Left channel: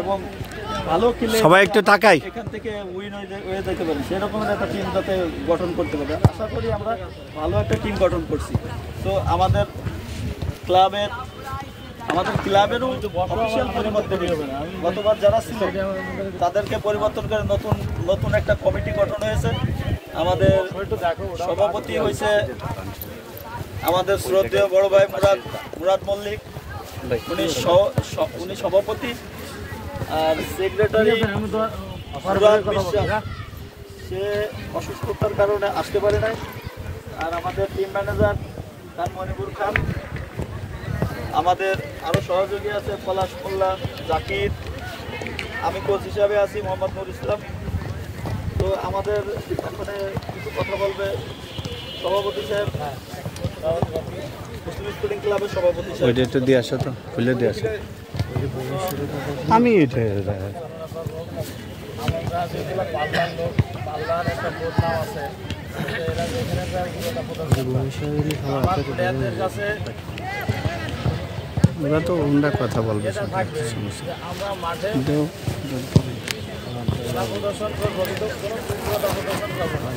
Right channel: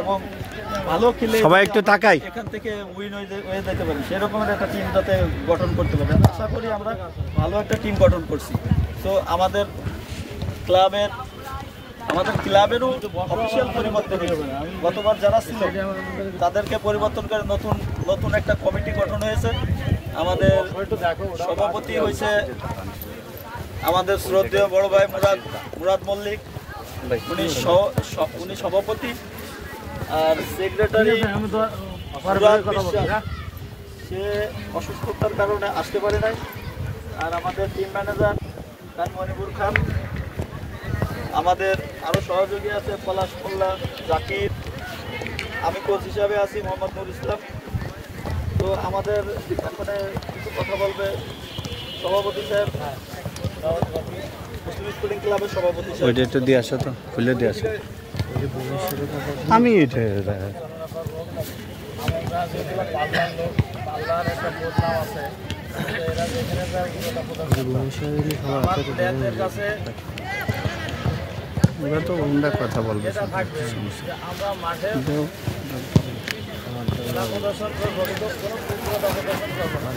এবং ভালো খেলে সবাই একটু তাকাই এখান থেকে উইন হয়ে যেতে পারি, সেরকম একটা টিম যাতে গঠন করতে পারি। আশা করি আমরা ভালো একটা টিম গঠন করছি। তো আমাদের ক্লাবেরও অফিসিয়াল পরিবর্তন হবে না। গতবার যারা ছিল তাদেরকে পরিবর্তন করে নতুন একটা কমিটি গঠন হয়েছে। আমাদের সভাপতি হয়েছে আমাদের শ্রদ্ধেয় বড় ভাই মুরাদ মল্লিক, উনি সভাপতি। আর সেক্রেটারি মুরাদ বিশ্বাস, সে অসুস্থতার কারণে আসতে পারে নাই। আর আমাদের টিম ম্যানেজার খান মনিবুর খান, আমাদের আরো সহযোগী আছে পলাশ মোল্লা, জাকির, আমি কোচ হিসাবে আছি মোহাম্মদ নুর ইসলাম। তো আমাদের এখানে কিছু কথা বলবে সভাপতি সাহেব, মুসলিম স্পোর্টিং ক্লাবের সভাপতি সাহেব। ওইটা একটু দিয়ে আসো তো, খুলে দিয়ে আসো। আমি এটা আমরা যেগুলো পাল্লার লোক, পাল্লার একটা বদনাম আছে, এরা যেখানে প্লেয়ারদের কাছে ওরা তো ওনারা কথা বলবে, থাকবে আমরা মাঠে খেলা প্রদর্শন করবো, কিন্তু কোনো উগ্রতা প্রদর্শন করবো না।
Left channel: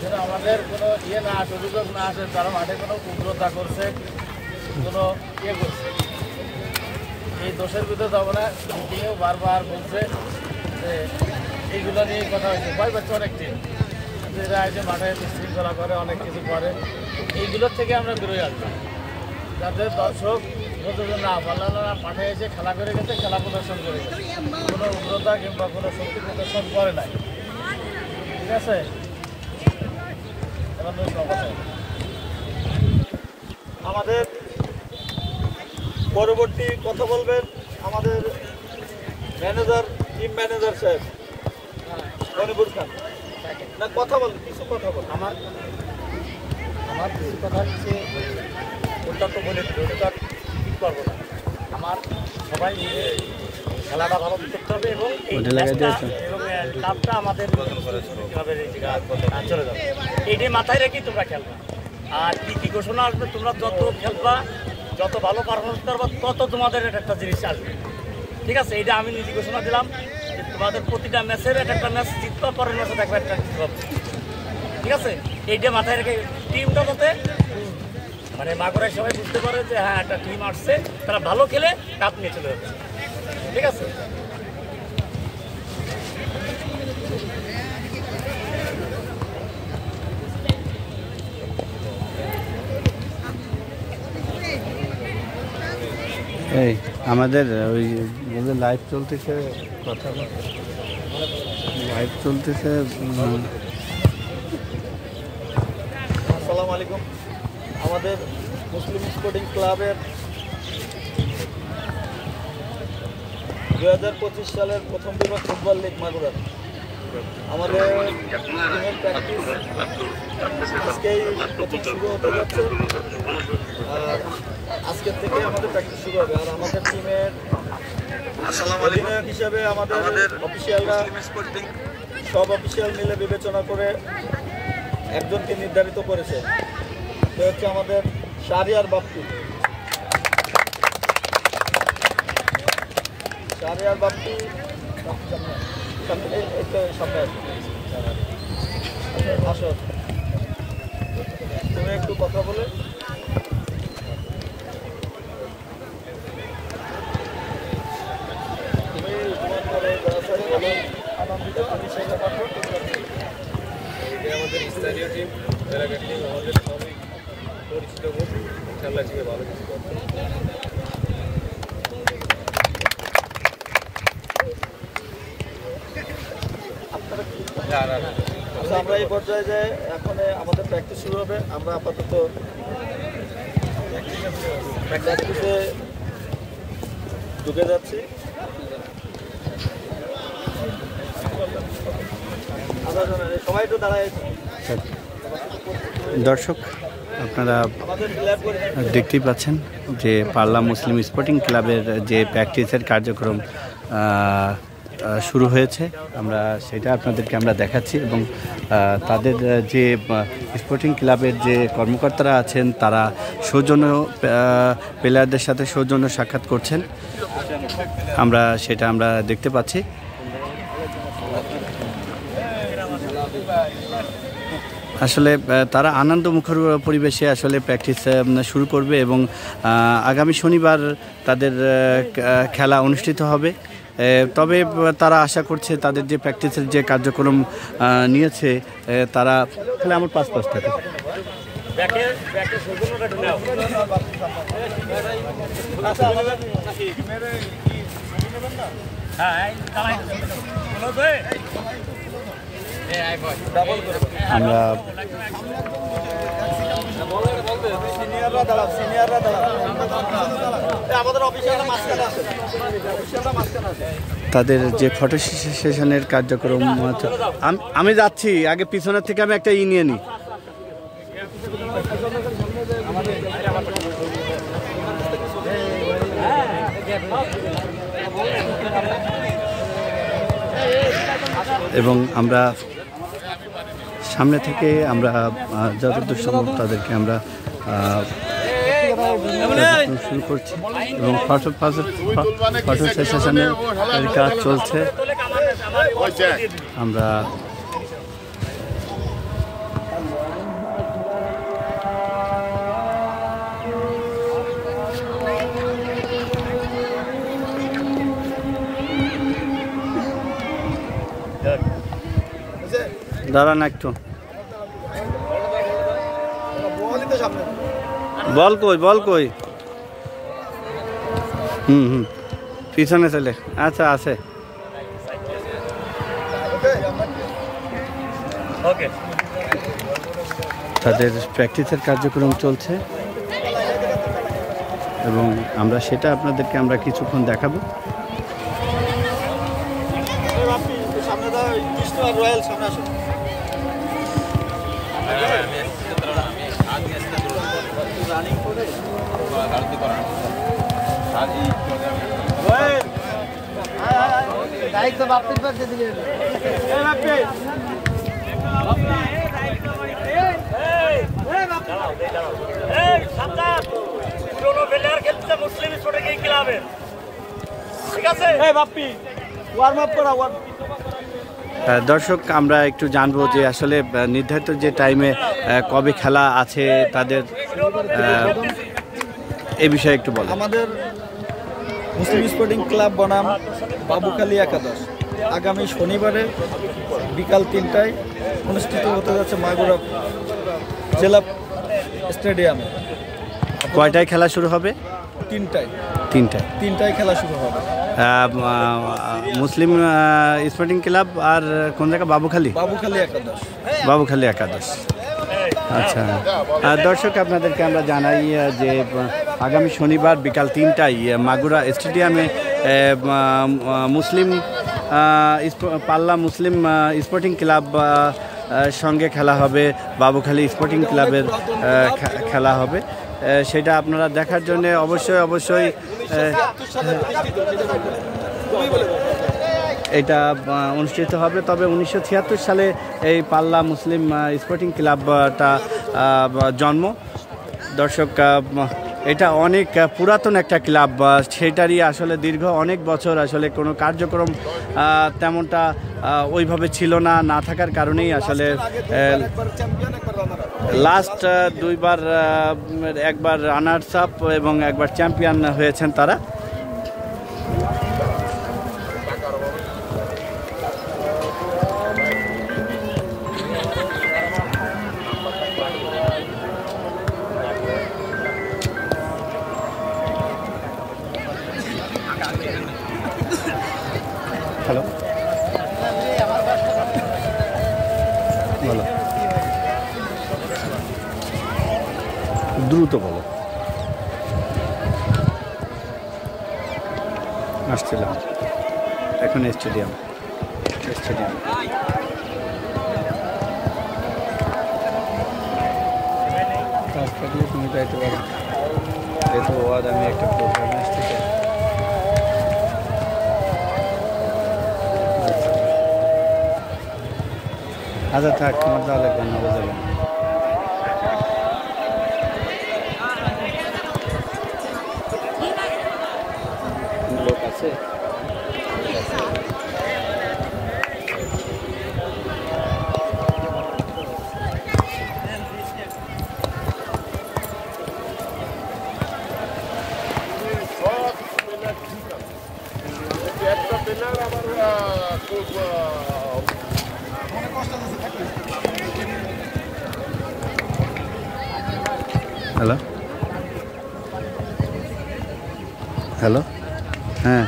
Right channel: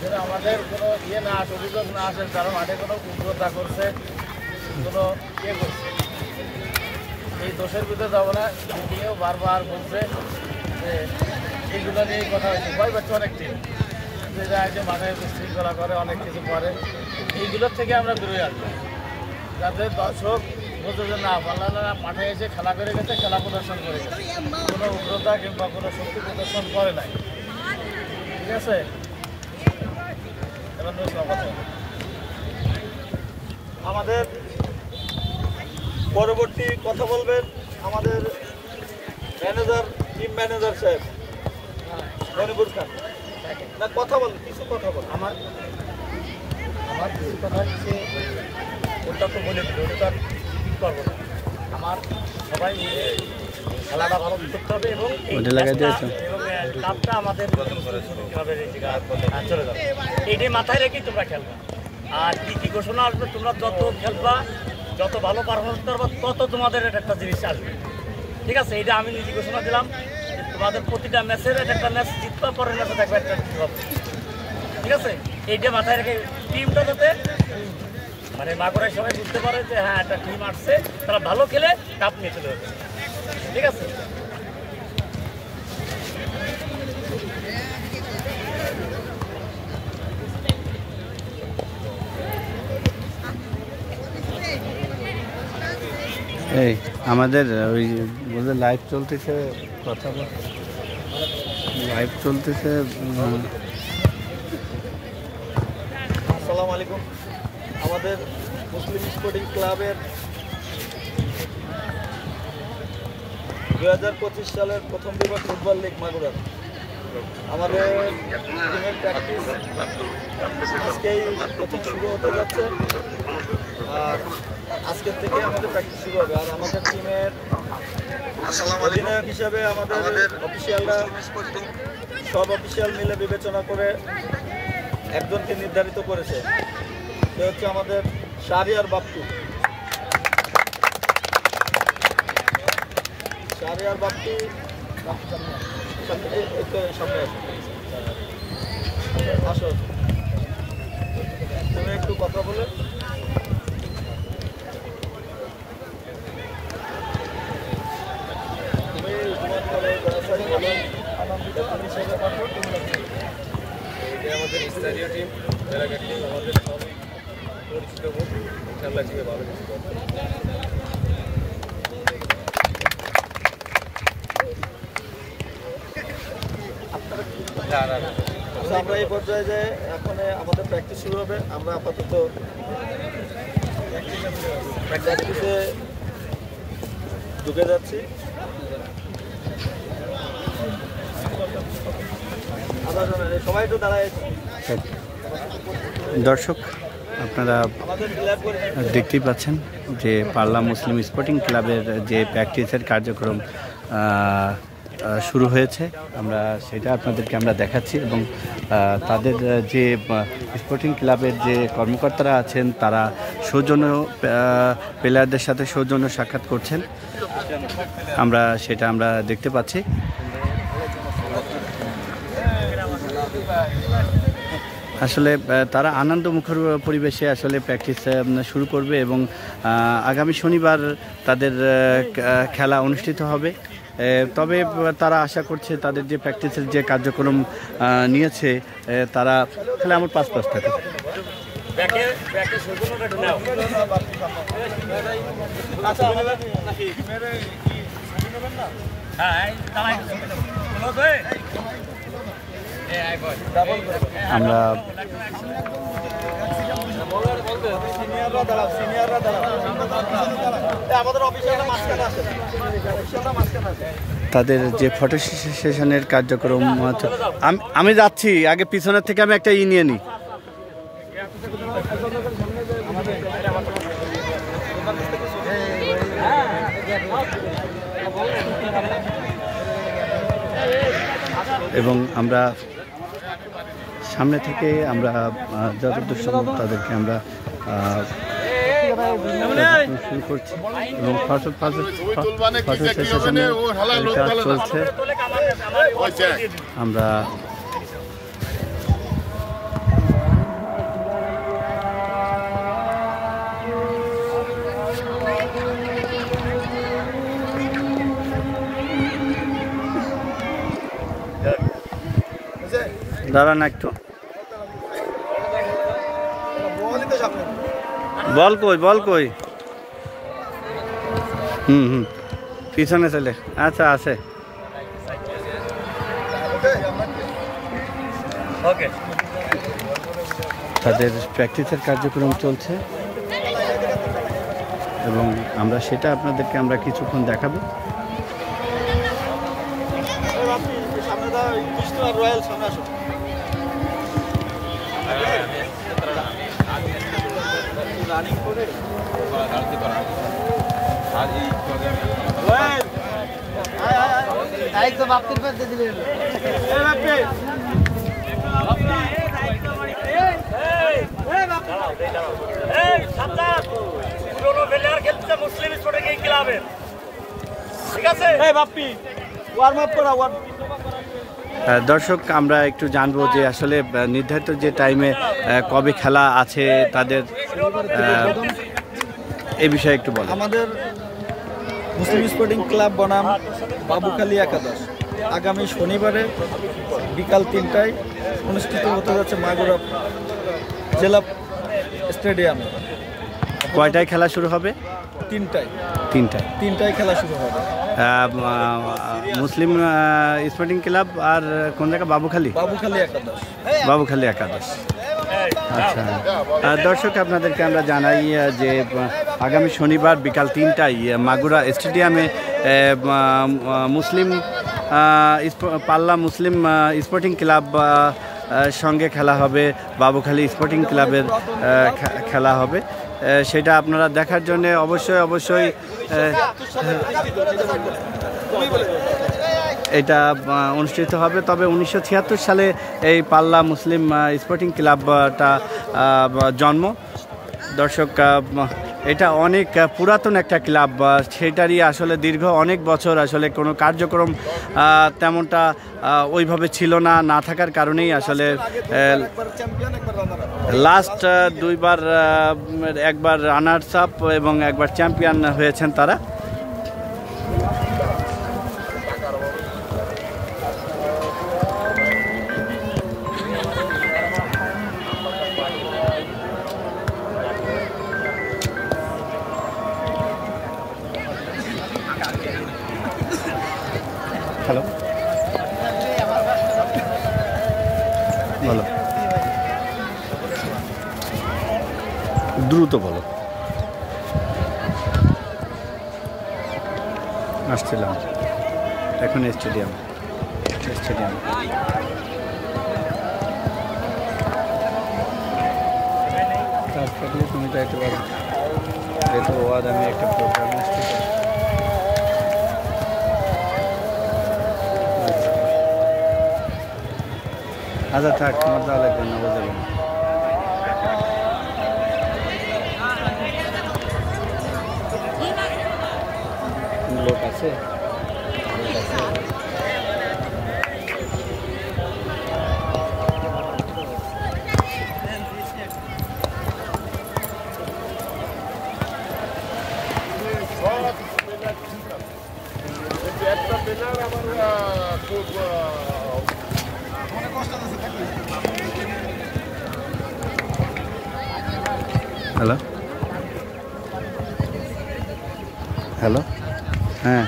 যেটা আমাদের কোনো না আসে, অভিযোগ না আসে তারা মাঠে কোনো উগ্রতা করছে, কোনো করছে, এই দোষের ভিতরে যাবো না। মিটিংয়েও বারবার বলছে যে এইগুলো নিয়েই কথা হয়েছে, ভয় পাচ্ছে অনেক টিম, যেটা আগে মাঠে শৃঙ্খলা করে, অনেক কিছু করে, এইগুলোর থেকে আমরা দূরে আসবো, যাতে দর্শক বলতে যে না আপনারা মাঠে এসে খেলা করে গেছে, খেলা প্রদর্শন করে গেছে, কোনো উগ্রতা কিংবা কোনো শক্তি প্রদর্শন করে নাই। ঠিক আছে, আমাদের পরবর্তী কথা বলবেন আমাদের ম্যানেজার, টিম ম্যানেজার সাহেব মনিবুর খান। না, কথা বল, কিছু কথা বল। আমার কিছু কথা হচ্ছে, ওটা তো বলে দিল, ওটা তো আর ঠিক করবো না। আমার সবাই মিলে খেলাটা ভালো করতে হবে এবং কাপটা আমাদের চলে যাবে, এইটাই মাথায় রেখেই তোমরা খেলবা। আর কি ঘোষণা আসবে, তোমরা যত খেলবা, যত ভালো পারফরমেন্স করবা, তত তোমাদের একটা জিনিস আসবে। ঠিক আছে, এইটা আমি নিজে ঘোষণা দিলাম যে তোমাদের প্রতিটা ম্যাচের একটা ম্যাচ জিতবা, পরের ম্যাচে দেখবে একটা জিততে হবে। ঠিক আছে, এইটা মাথায় রেখে টিমটা যাতে মানে মাগুরায় সবাই বুঝতে পারে যে হ্যাঁ একটা টিম আসছে, তারা ভালো খেলে কাপ নিয়ে চলে যাচ্ছে। ঠিক আছে, এই আমাদের ওই বলতে লাইভ চলতেছে, কথা লাইভ চলতেছে। আসসালামু আলাইকুম। আমাদের মুসলিম স্পোর্টিং ক্লাবের 2025 সালের প্রথম বিভাগ ফুটবল লিগ মাগুরা, আমাদের টিমের প্র্যাকটিস আজকেই প্রথম শুরু হতে যাচ্ছে। আর আজকের থেকে আমাদের প্র্যাকটিস শুরু হবে। আর আমাদের টিমের অধিনায়ক হিসাবে আমাদের অফিসিয়ালরা, সব অফিসিয়াল মিলে বিবেচনা করে একজনকে নির্ধারিত করেছে, সে হচ্ছে আমাদের শাহরিয়ার বাপ্পি। শাহরিয়ার বাপ্পি আসো, তুমি একটু কথা বলে। তুমি আনন্দিত, আমি সেটা পারবো। এটা আমাদের স্থানীয় টিম, এলাকার টিম, আমাদের সবই পরিচিত মুখ, খেলা টিমে ভালো কিছু করে। আমরা এই পর্যায়ে যাই, এখন আমাদের প্র্যাকটিস শুরু হবে। আমরা আপাতত প্র্যাকটিসে ঢুকে যাচ্ছি। সবাই একটু দাঁড়ায়। দর্শক, আপনারা দেখতেই পাচ্ছেন যে পাল্লা মুসলিম স্পোর্টিং ক্লাবের যে প্র্যাকটিসের কার্যক্রম শুরু হয়েছে, আমরা সেটা আপনাদেরকে আমরা দেখাচ্ছি। এবং তাদের যে স্পোর্টিং ক্লাবের যে কর্মকর্তারা আছেন, তারা সৌজন্য প্লেয়ারদের সাথে সৌজন্য সাক্ষাৎ করছেন। আমরা দেখতে পাচ্ছি। আসলে তারা আনন্দমুখর পরিবেশে আসলে প্র্যাকটিস শুরু করবে এবং আগামী শনিবার তাদের খেলা অনুষ্ঠিত হবে। তবে তারা আশা করছে তাদের যে প্র্যাকটিসের যে কার্যক্রম নিয়েছে তারা খেলে আমার পাঁচ থাকে। আমরা তাদের যে ফটো সেশনের কার্যক্রম আমি যাচ্ছি আগে, পিছনের থেকে আমি একটা নিয়ে নিই। এবং আমরা সামনে থেকে আমরা যতদূর সম্ভব তাদেরকে আমরা শুরু করছি এবং ফটো সেশনের কাজ চলছে। আমরা দাঁড়ান একটু, বল কই পিছনে চলে, আচ্ছা আছে। তাদের প্র্যাকটিসের কার্যক্রম চলছে এবং আমরা সেটা আপনাদেরকে আমরা কিছুক্ষণ দেখাবো। দর্শক, আমরা একটু জানবো যে আসলে নির্ধারিত যে টাইমে কবে খেলা আছে তাদের এই বিষয়ে একটু বলো। আমাদের মুসলিম স্পোর্টিং ক্লাব বনাম বাবুখালী একাদশ আগামী শনিবারে বিকাল ৩টায় অনুষ্ঠিত হতে যাচ্ছে মাগুরা জেলা স্টেডিয়ামে। কয়টায় খেলা শুরু হবে? ৩টায় খেলা শুরু হবে। মুসলিম স্পোর্টিং ক্লাব আর কোন জায়গা? বাবুখালী একাদশ। আচ্ছা দর্শক, আপনাদেরকে আমরা জানাই যে আগামী শনিবার বিকাল ৩টায় মাগুরা স্টেডিয়ামে পাল্লা মুসলিম স্পোর্টিং ক্লাব সঙ্গে খেলা হবে, বাবুখালী স্পোর্টিং ক্লাবের খেলা হবে। সেটা আপনারা দেখার জন্য অবশ্যই এটা অনুষ্ঠিত হবে। তবে 1976 সালে এই পাল্লা মুসলিম স্পোর্টিং ক্লাবটা জন্ম। দর্শক, এটা অনেক পুরাতন একটা ক্লাব, সেটারই আসলে দীর্ঘ অনেক বছর আসলে কোনো কার্যক্রম তেমনটা ওইভাবে ছিল না থাকার কারণেই আসলে লাস্ট দুইবার, একবার রানার্স আপ এবং একবার চ্যাম্পিয়ন হয়েছেন তারা। হ্যালো, বলো, দ্রুত বলো। আসছিলাম এখন স্টেডিয়াম থাকলে তুমি যাইতে পারো, যেহেতু ওয়াদ আমি একটা প্রোগ্রামে আসতে চাই। আচ্ছা থাক, তোমার যাওয়া লাগবে না, বোঝাবে না। লোক আছে? একটা প্লেয়ার আমার খুব হ্যালো হ্যালো, হ্যাঁ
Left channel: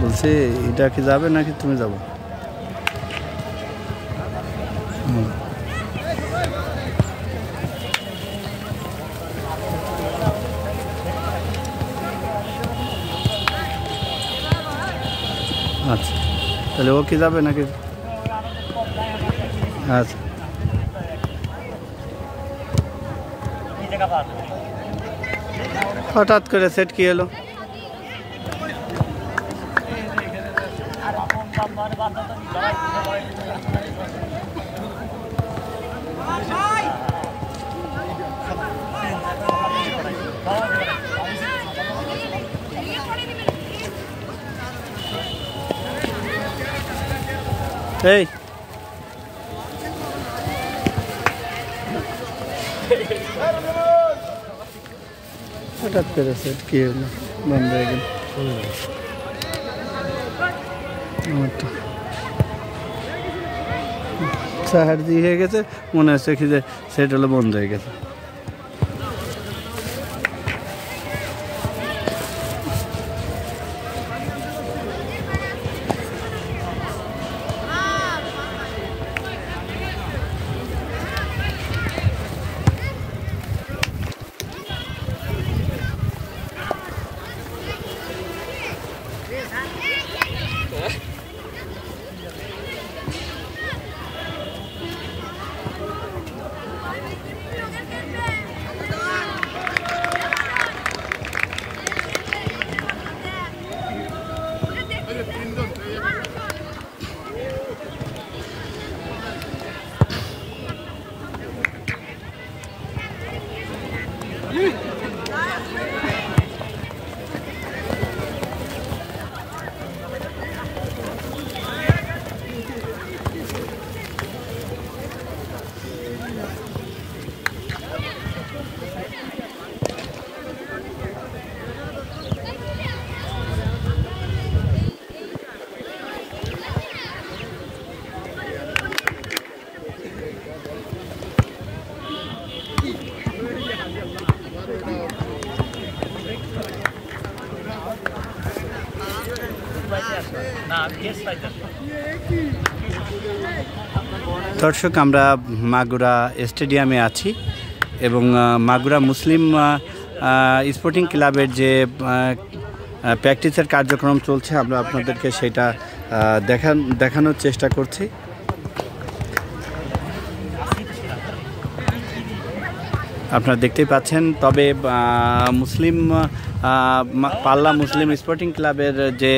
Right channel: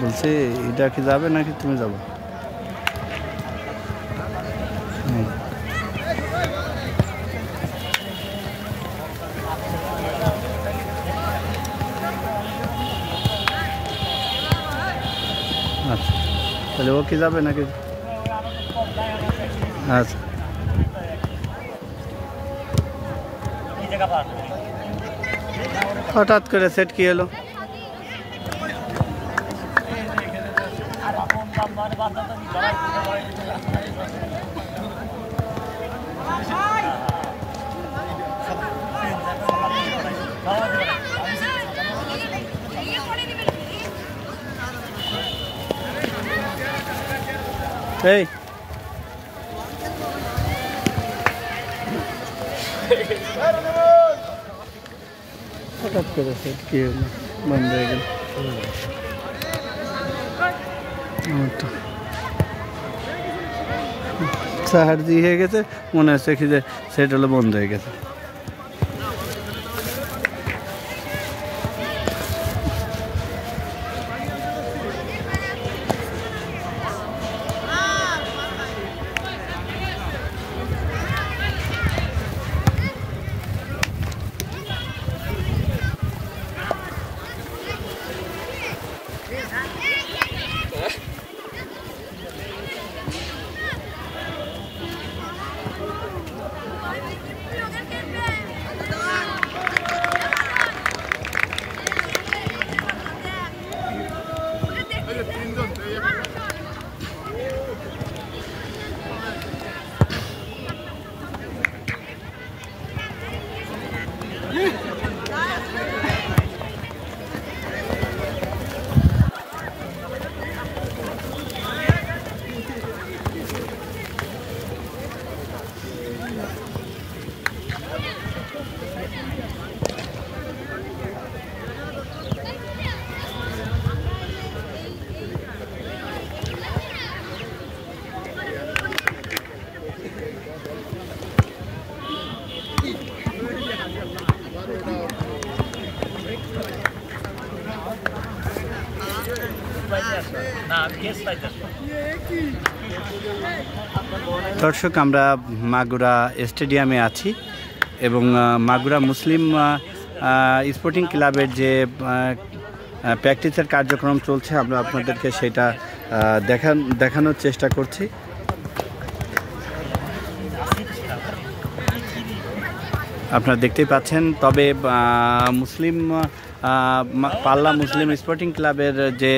বলছি এটা কি যাবে নাকি তুমি যাবো? আচ্ছা, তাহলে ও কি যাবে নাকি? আচ্ছা, হঠাৎ করে সেট কি হলো? এই হঠাৎ করে সেট কি হলো, বন্ধ হয়ে গেল। সাহায্য হয়ে গেছে, মনে হচ্ছে কি যে সেট হলো বন্ধ হয়ে গেছে। দর্শক, আমরা মাগুরা স্টেডিয়ামে আছি এবং মাগুরা মুসলিম স্পোর্টিং ক্লাবের যে প্র্যাকটিসের কার্যক্রম চলছে, আমরা আপনাদেরকে সেটা দেখানোর চেষ্টা করছি। আপনারা দেখতেই পাচ্ছেন। তবে মুসলিম পাল্লা মুসলিম স্পোর্টিং ক্লাবের যে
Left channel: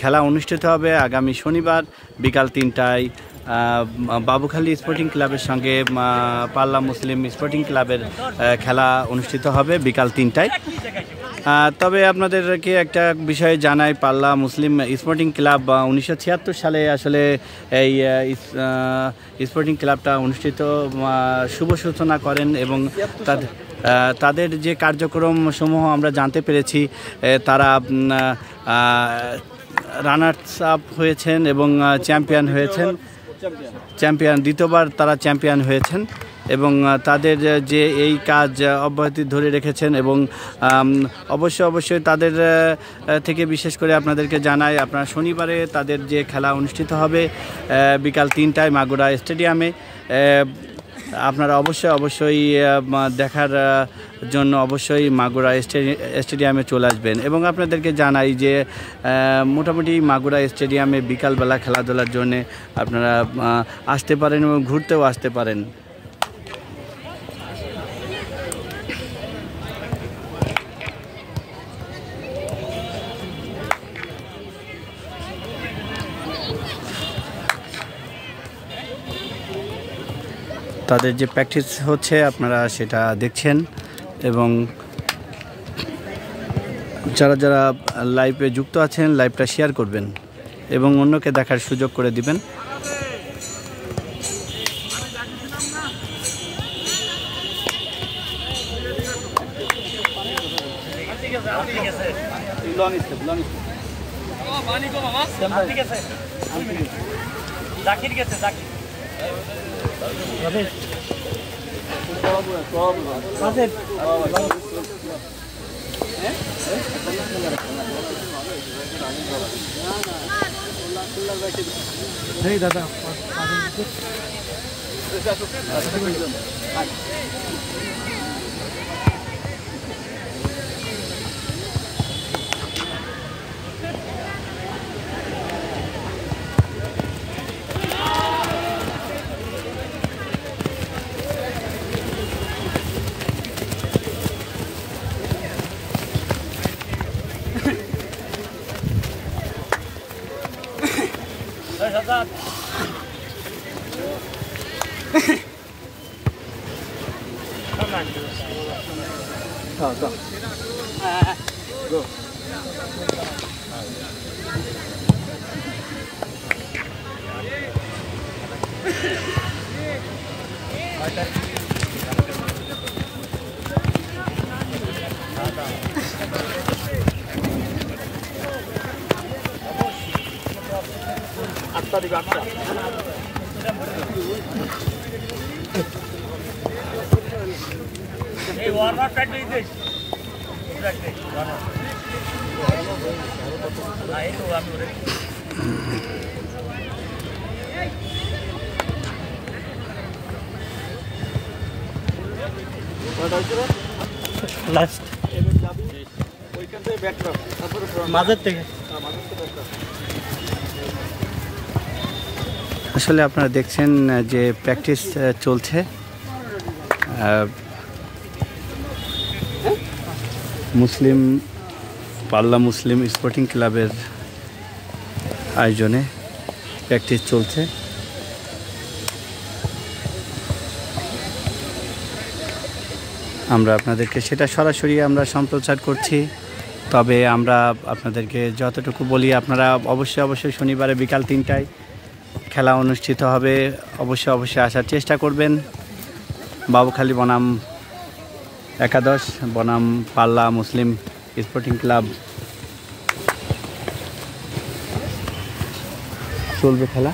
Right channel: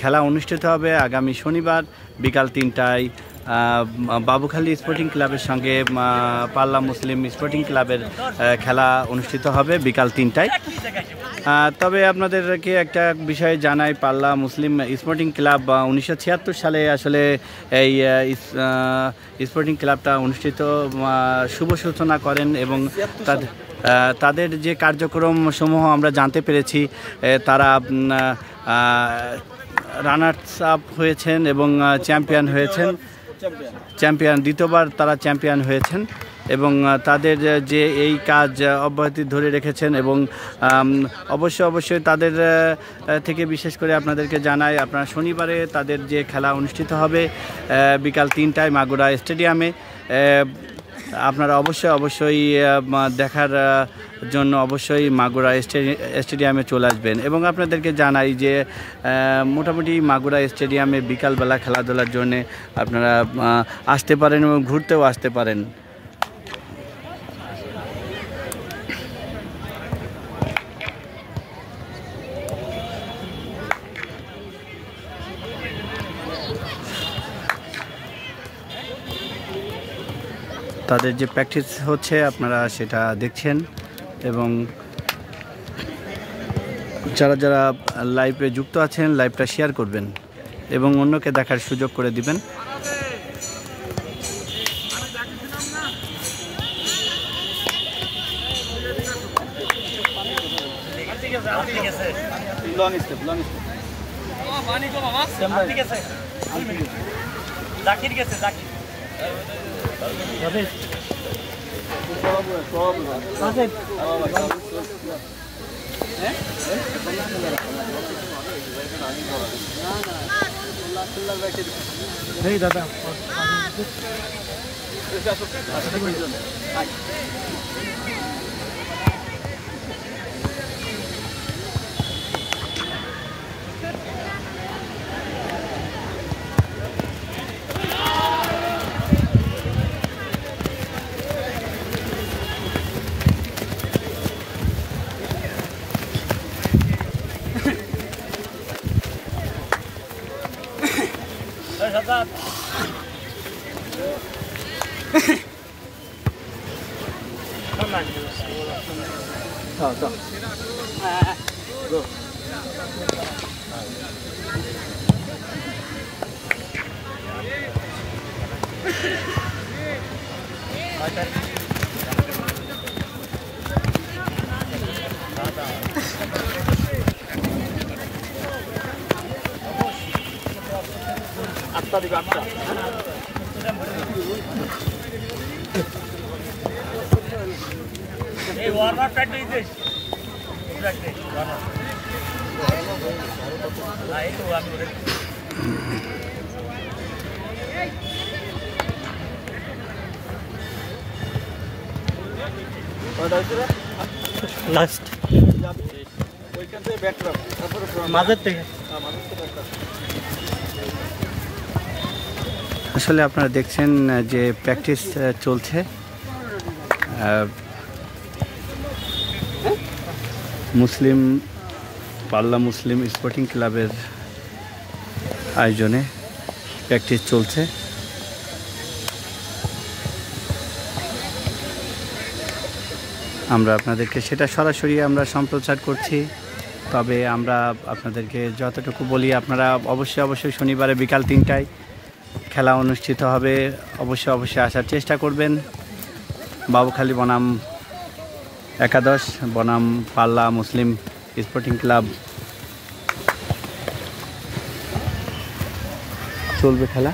খেলা অনুষ্ঠিত হবে আগামী শনিবার বিকাল 3টায় বাবুখালী স্পোর্টিং ক্লাবের সঙ্গে পাল্লা মুসলিম স্পোর্টিং ক্লাবের খেলা অনুষ্ঠিত হবে বিকাল 3টায়। তবে আপনাদেরকে একটা বিষয় জানাই, পাল্লা মুসলিম স্পোর্টিং ক্লাব 1976 সালে আসলে এই স্পোর্টিং ক্লাবটা অনুষ্ঠিত শুভ সূচনা করেন এবং তাদের যে কার্যক্রম সমূহ আমরা জানতে পেরেছি, তারা রানার্স আপ হয়েছেন এবং চ্যাম্পিয়ন হয়েছেন, দ্বিতীয়বার তারা চ্যাম্পিয়ন হয়েছেন এবং তাদের যে এই কাজ অব্যাহতি ধরে রেখেছেন এবং অবশ্যই তাদের থেকে বিশেষ করে আপনাদেরকে জানাই, আপনারা শনিবারে তাদের যে খেলা অনুষ্ঠিত হবে বিকাল 3টায় মাগুরা স্টেডিয়ামে, আপনারা অবশ্যই দেখার জন্য অবশ্যই মাগুরা স্টেডিয়ামে চলে আসবেন। এবং আপনাদেরকে জানাই যে মোটামুটি মাগুরা স্টেডিয়ামে বিকালবেলা খেলাধুলার জন্য আপনারা আসতে পারেন এবং ঘুরতেও আসতে পারেন। তাদের যে প্র্যাকটিস হচ্ছে আপনারা সেটা দেখছেন। এবং যারা যারা লাইভে যুক্ত আছেন লাইভটা শেয়ার করবেন এবং অন্যকে দেখার সুযোগ করে দিবেন। দাদা লাস্ট মাঝের থেকে আসলে আপনারা দেখছেন যে প্র্যাকটিস চলছে মুসলিম পাল্লা মুসলিম স্পোর্টিং ক্লাবের আয়োজনে প্র্যাকটিস চলছে। আমরা আপনাদেরকে সেটা সরাসরি আমরা সম্প্রচার করছি, তবে আমরা আপনাদেরকে যতটুকু বলি আপনারা অবশ্যই শনিবারে বিকাল 3টায় খেলা অনুষ্ঠিত হবে, অবশ্যই আসার চেষ্টা করবেন। বাবুখালী বনাম একাদশ বনাম পাল্লা মুসলিম স্পোর্টিং ক্লাব চলবে খেলা।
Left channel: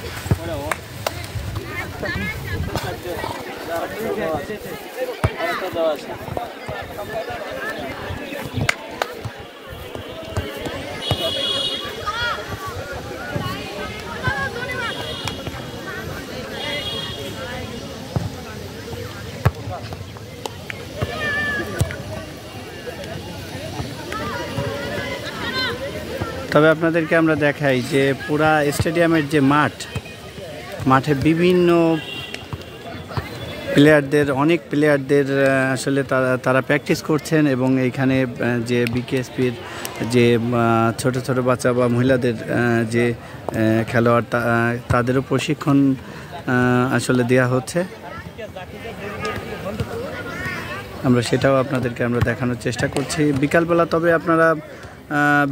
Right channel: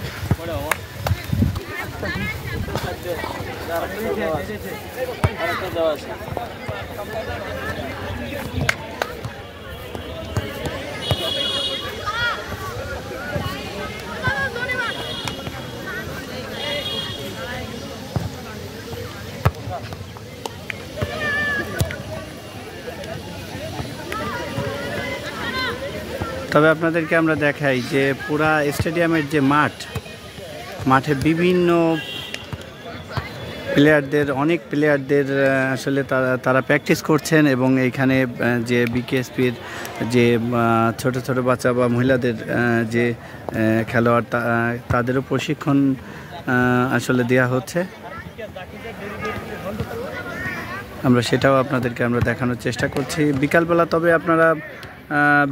তবে আপনাদেরকে আমরা দেখাই যে পুরা স্টেডিয়ামের যে মাঠে বিভিন্ন অনেক প্লেয়ারদের আসলে তারা প্র্যাকটিস করছেন এবং এইখানে যে বিকেএসপির যে ছোট বাচ্চা বা মহিলাদের যে খেলোয়াড় তাদেরও প্রশিক্ষণ আসলে দেওয়া হচ্ছে। আমরা সেটাও আপনাদেরকে আমরা দেখানোর চেষ্টা করছি বিকালবেলা। তবে আপনারা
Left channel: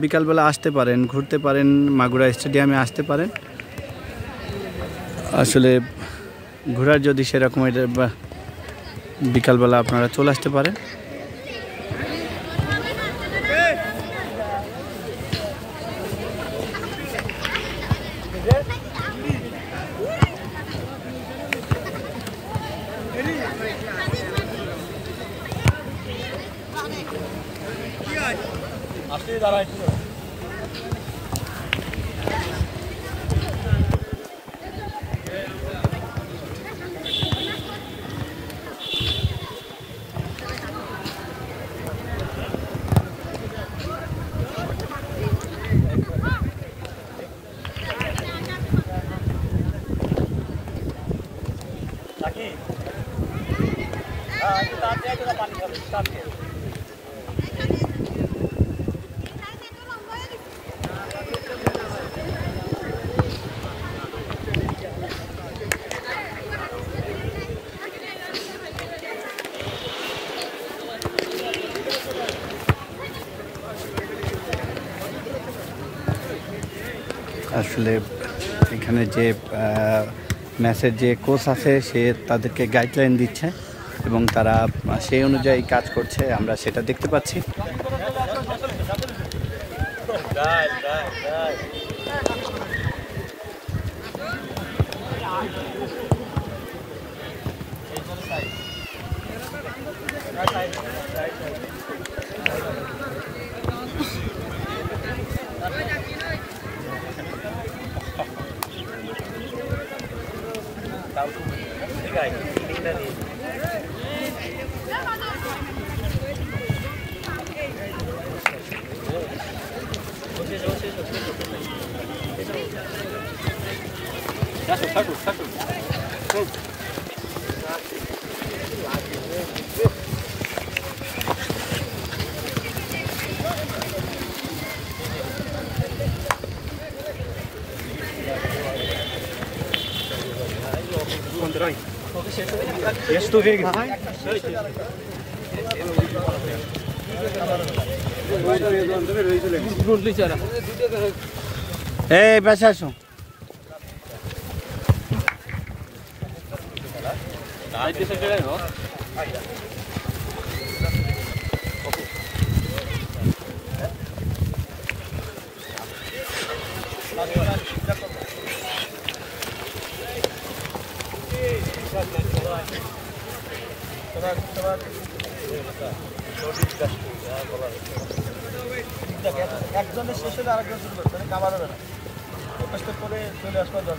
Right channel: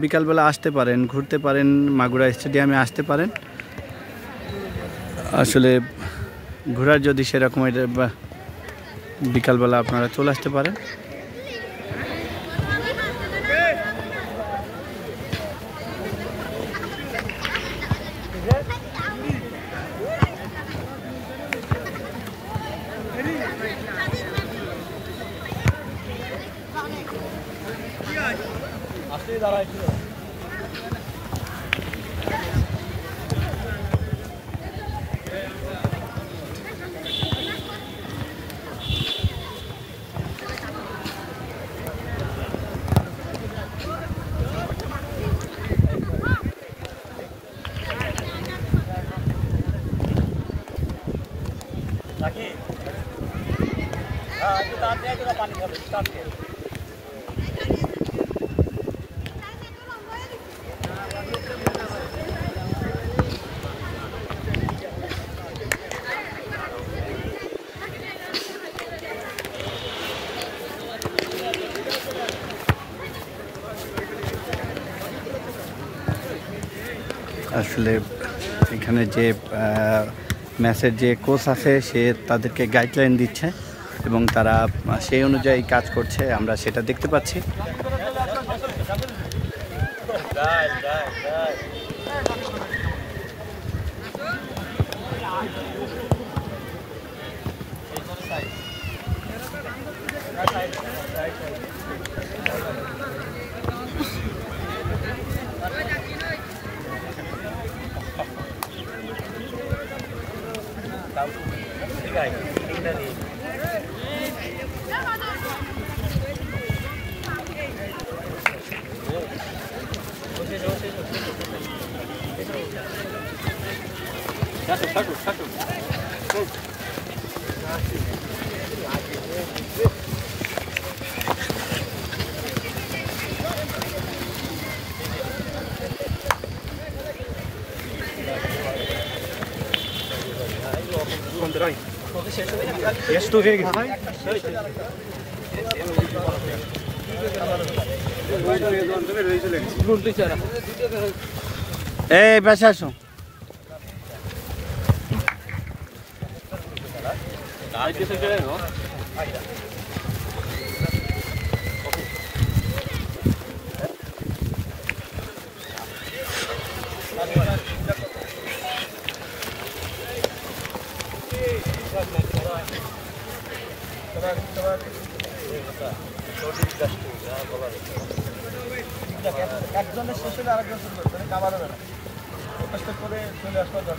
বিকালবেলা আসতে পারেন, ঘুরতে পারেন, মাগুরা স্টেডিয়ামে আসতে পারেন। আসলে ঘোরার যদি সেরকম বিকালবেলা আপনারা চলে আসতে পারেন। আসলে এখানে যে ম্যাচের যে কোচ আছে সে তাদেরকে গাইডলাইন দিচ্ছে এবং তারা সেই অনুযায়ী কাজ করছে, আমরা সেটা দেখতে পাচ্ছি। এই বেঁচে আসো। একজনের শেষ হলে আরেকজন শুনবো, মানে কাবার হবে না, কষ্ট করে চলে আসতে হবে।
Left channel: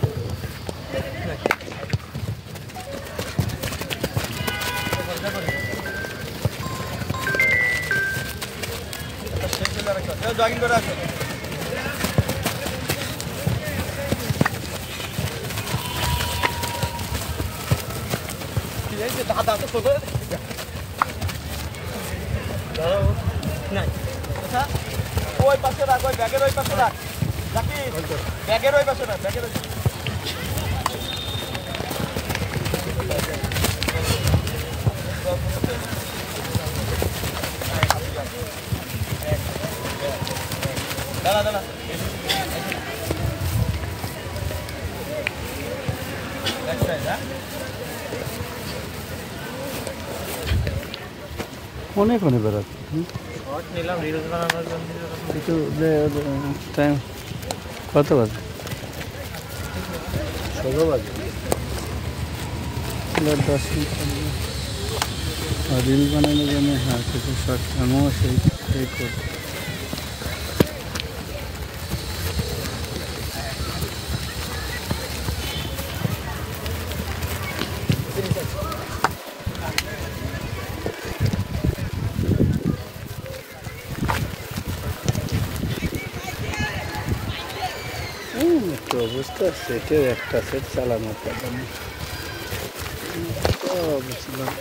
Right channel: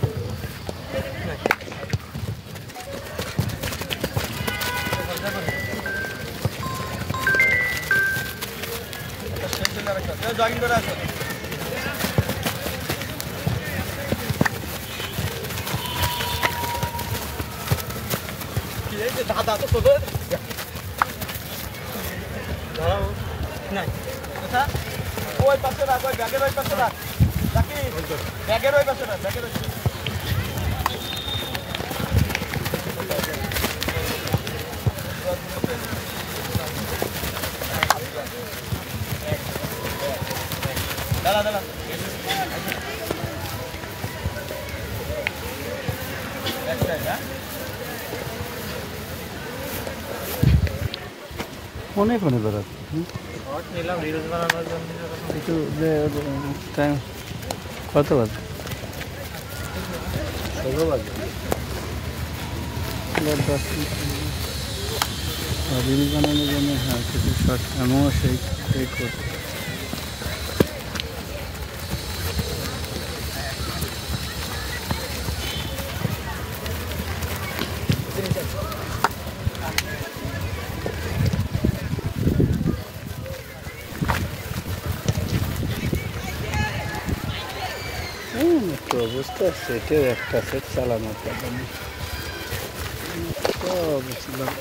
শেষ হলে আরেকজন জগিং করে আসো। দাদা তো চলে না, ওই পাশে রাখ, ওই ব্যাগের ওই পাশে রাখ, রাখি ব্যাগের ওই পাশে রাখ, ব্যাগের ওই দাঁড়া দাঁড়া অনেক অনেক বেরোচ্ছে নিলাম রিলস বানানোর জন্য। কত বাজে? 10 মিনিট রিল বানানোর জন্য। হ্যাঁ, কিছু শর্ট আমিও সেই করি। তো বুঝতে পারছি, এটাও একটা সেট চালানোর কথা নেই। তো বুঝলাম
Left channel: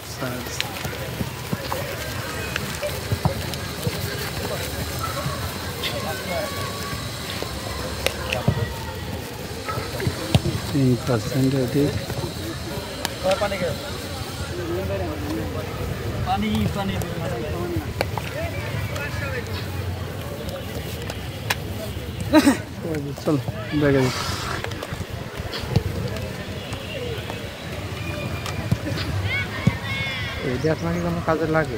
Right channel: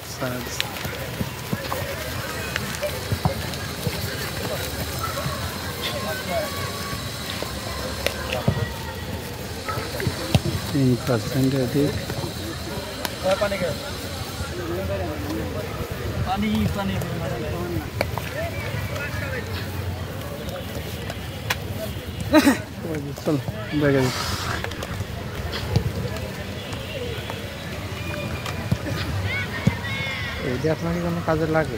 3% अधिक। पानी का पानी पानी चल बैग এইটা আপনাকে কোনো কাজে লাগে?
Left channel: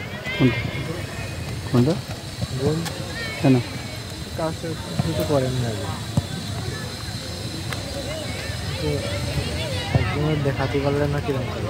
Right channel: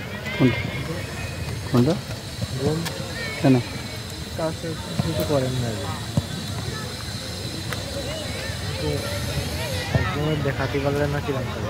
কোনটা? গোল কেন? কাজ কিছু করেন না আগে, তো একজনের দেখাতে পারলে না কিরকম কাজ